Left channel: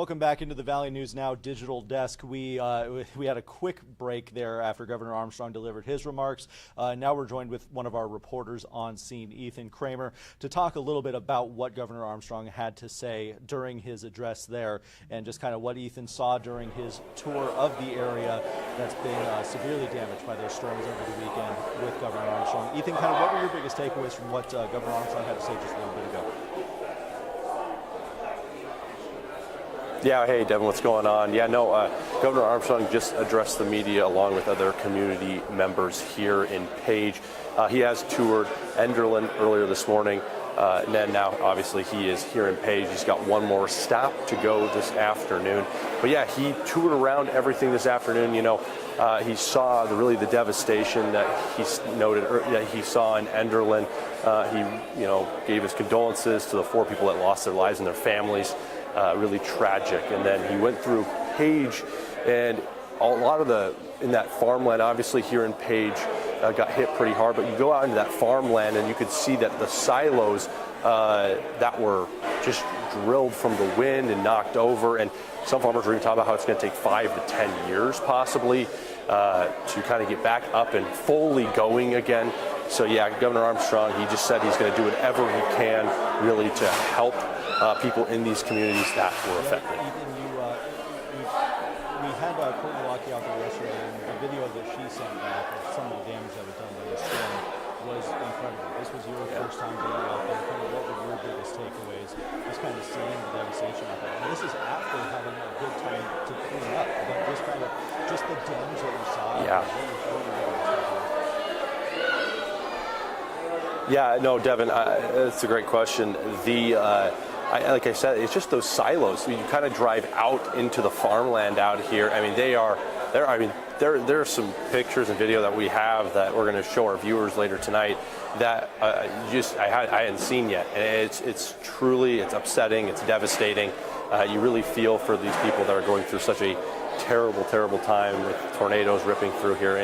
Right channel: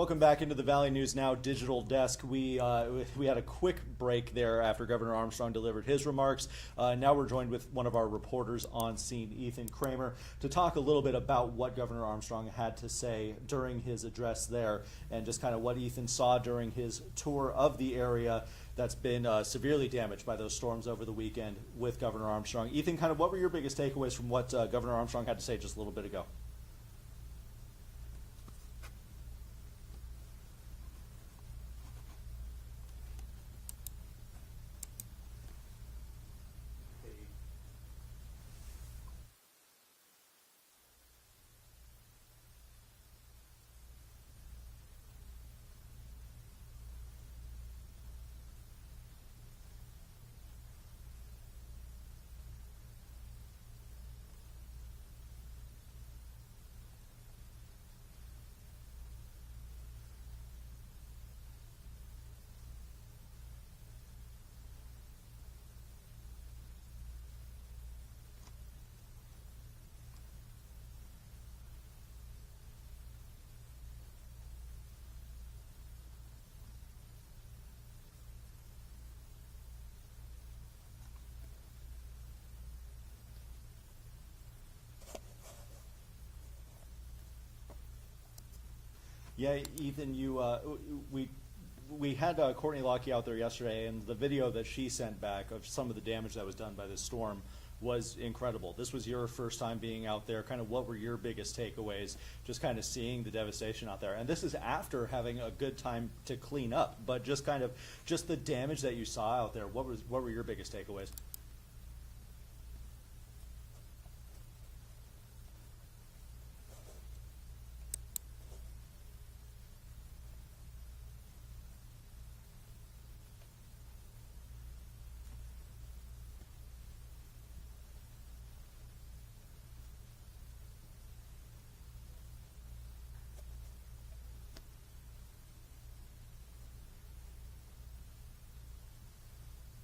Welcome back into the Valley News Now digital desk. We had a quick break there after Governor Armstrong delivered his remarks. Now we're joined with one of our reporters on scene, Ethan Kramer, to talk a little bit about what Governor Armstrong had to say during his address there and just kind of what Ethan saw during his tour of the area that's been severely damaged by those storms over the weekend with Governor Armstrong. Ethan, kind of what were your biggest takeaways from what Governor Armstrong had to say just a little bit ago? Yeah, hey, Devin, what's going on? Yeah, no, Governor Armstrong just addressed the media along with other community members here in Page. He has toured Enderlin earlier this morning, and then now, obviously, he is here in Page. He's got one more stop to go this afternoon. But yeah, he toured around everything this afternoon. You know, he saw the devastation that he noted that he saw in Enderlin. He, gave his condolences to the 4 people that lost their lives and their families. Really tragic. And then he went through Page, and a lot of in that farmland, obviously here in Page, got hit pretty hard, but you go out into that farmland and you could see that the silos that were just drilled from the wind and knocked over, and some farmers were even talking about how it's going to take 5 to 10 years possibly to kind of get back up and fully going again. So yeah, Governor Armstrong, he just said he's going to do whatever he can really to help people in these communities that were affected. We had Courtney Lockie out there yesterday, and the video that she sent back of some of the damage that was done by the storm was incredible. This was your first time being out there. Kind of what were your biggest takeaways? Just kind of seeing the devastation out there. And this is after having a good time to clean up, but just the damage that you saw. Yeah. What were your biggest takeaways? Yeah, no, Devin, that's a great question. Like I said, it's just those silos. You kind of drive out into the farmland out here. I mean, there are some pictures and video that we have that we're going to show our viewers later tonight that I hadn't seen yet. And it's truly upsetting. It's devastating. You really feel for these people that are going through such a terrible, terrible time with tornadoes ripping through here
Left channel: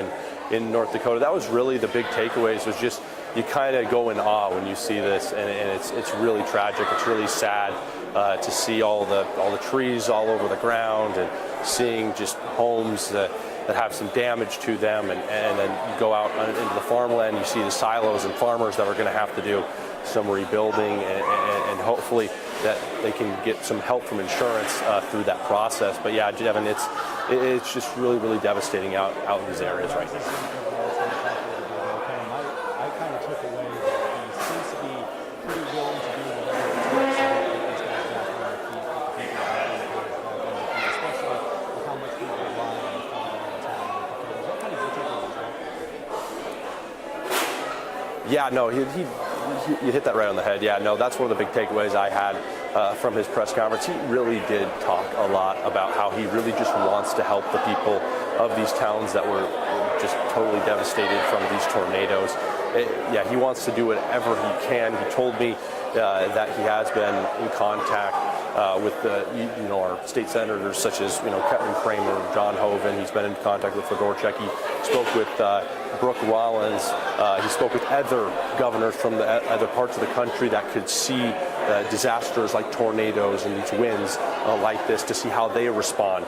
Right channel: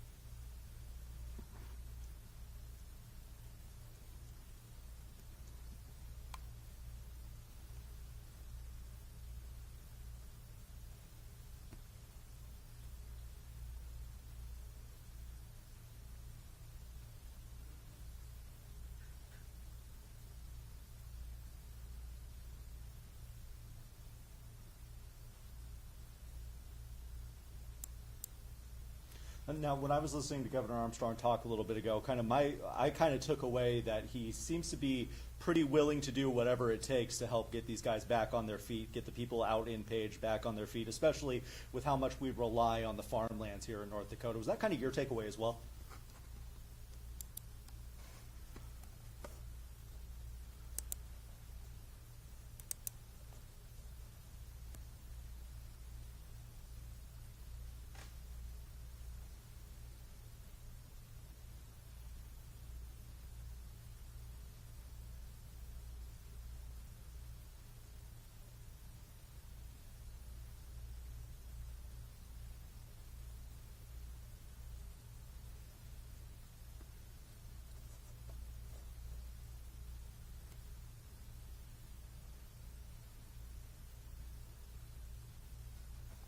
in North Dakota. That was really the big takeaways. Was just you kind of go in awe when you see this, and it's really tragic. It's really sad to see all the trees all over the ground and seeing just homes that have some damage to them, and then you go out into the farmland, you see the silos and farmers that are going to have to do some rebuilding, and hopefully that they can get some help from insurance through that process. But yeah, Devin, it's just really, really devastating out in these areas right now. I kind of took away that he seems to be pretty willing to do whatever it takes to help get these guys back on their feet, get the people out on the village back on their feet, especially with how much people rely on the farming in the town of North Dakota. So what kind of your takeaways as well? Yeah, no, you hit that right on the head. Yeah, no, that's one of the big takeaways I had from his press conference. He really did talk a lot about how he really just wants to help the people of these towns that were just totally devastated from these tornadoes. Yeah, he wants to do whatever he can. He told me that he has been in contact with our state senators such as Kevin Kramer, John Hoeven. He's been in contact with Fedorchuk. He spoke with Brooke Rollins. He spoke with other governors from the other parts of the country that could see disasters like tornadoes and these winds like this to see how they respond.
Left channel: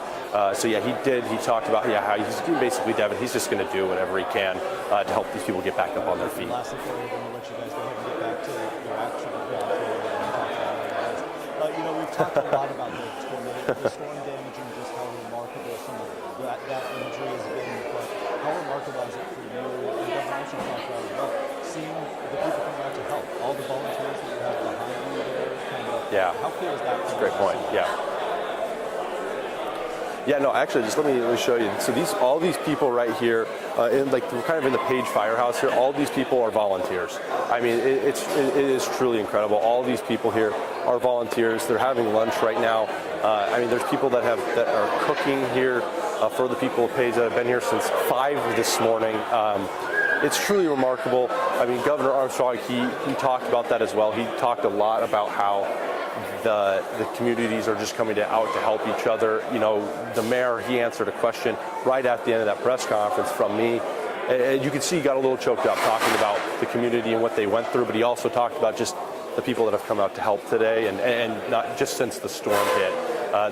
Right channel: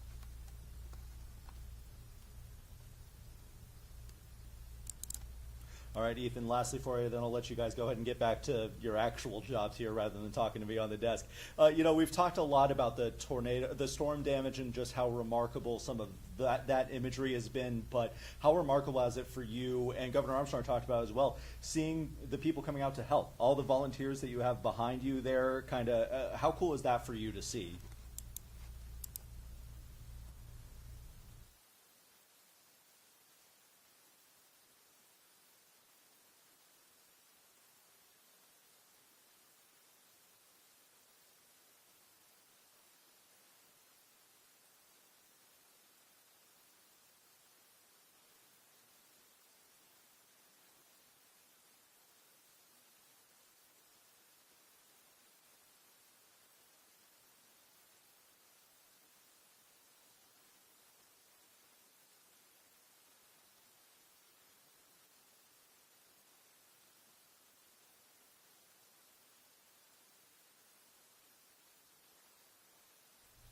So yeah, he talked about how he's basically, Devin, he's just going to do whatever he can to help these people get back up on their feet. Last thing, we're going to let you guys go ahead and get back to your actual job here and talking about this. We've talked a lot about the storm damage and just how remarkable some of that imagery has been, but how remarkable is it for you, and Governor Armstrong talked about as well, seeing the people coming out to help, all the volunteers that you have behind you there, yeah. How cool is that? That's a great point, yeah. Yeah, no, actually, just let me show you. So all these people right here, we're kind of in the Page Firehouse here. All these people are volunteers. I mean, it is truly incredible. All these people here are volunteers. They're having lunch right now. There's people that are cooking here for the people of Page that have been here since 5 this morning. It's truly remarkable. I mean, Governor Armstrong, he talked about that as well. He talked a lot about how the communities are just coming out to help each other. The mayor, he answered a question right at the end of that press conference from me. And you can see he got a little choked up talking about the community and what they went through, but he also talked about just the people that have come out to help today and not just since the storm hit.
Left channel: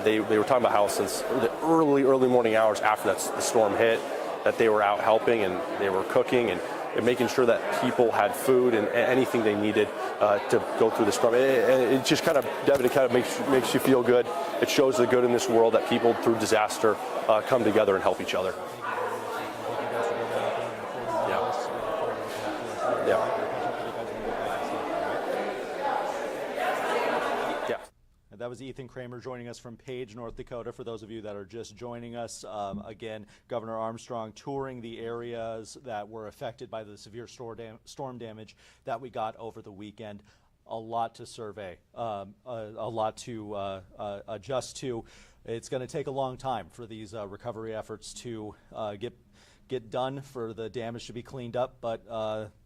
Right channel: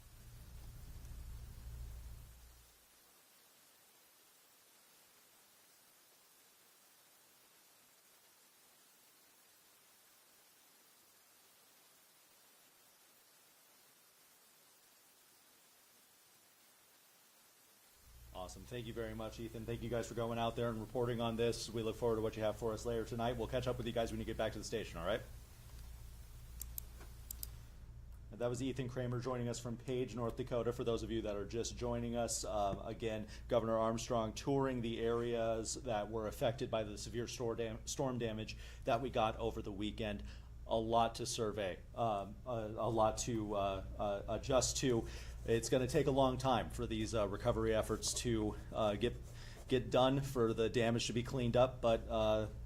They were talking about how since the early morning hours after the storm hit, that they were out helping and they were cooking and making sure that people had food and anything they needed to go through the storm. It just kind of, Devin, it kind of makes you feel good. It shows the good in this world that people through disaster come together and help each other. Thank you guys for going out there and reporting on this. We look forward to what you have for us. Yeah. We'll catch up with you guys when we get back to the station, right? Yeah. That was Ethan Kramer joining us from Page, North Dakota. For those of you that are just joining us, again, Governor Armstrong touring the areas that were affected by the severe storm damage that we got over the weekend. A lot to survey, a lot to adjust to. It's going to take a long time for these recovery efforts to get done, for the damage to be cleaned up, but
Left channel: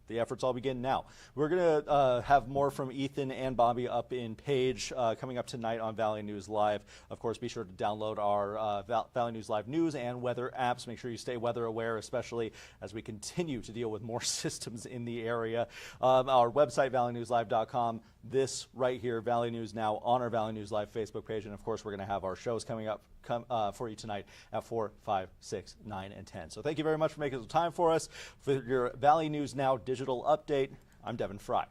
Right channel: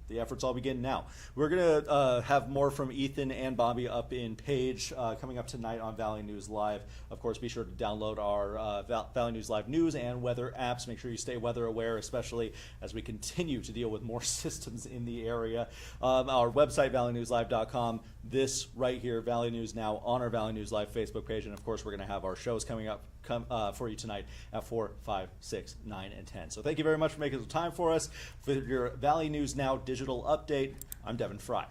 the efforts all begin now. We're going to have more from Ethan and Bobby up in Page coming up tonight on Valley News Live. Of course, be sure to download our Valley News Live news and weather apps. Make sure you stay weather aware, especially as we continue to deal with more systems in the area. Our website, valleynewslive.com. This right here, Valley News Now, on our Valley News Live Facebook page. And of course, we're going to have our shows coming up for you tonight at 4, 5, 6, 9, and 10. So thank you very much for making some time for us. For your Valley News Now digital update, I'm Devin Fry.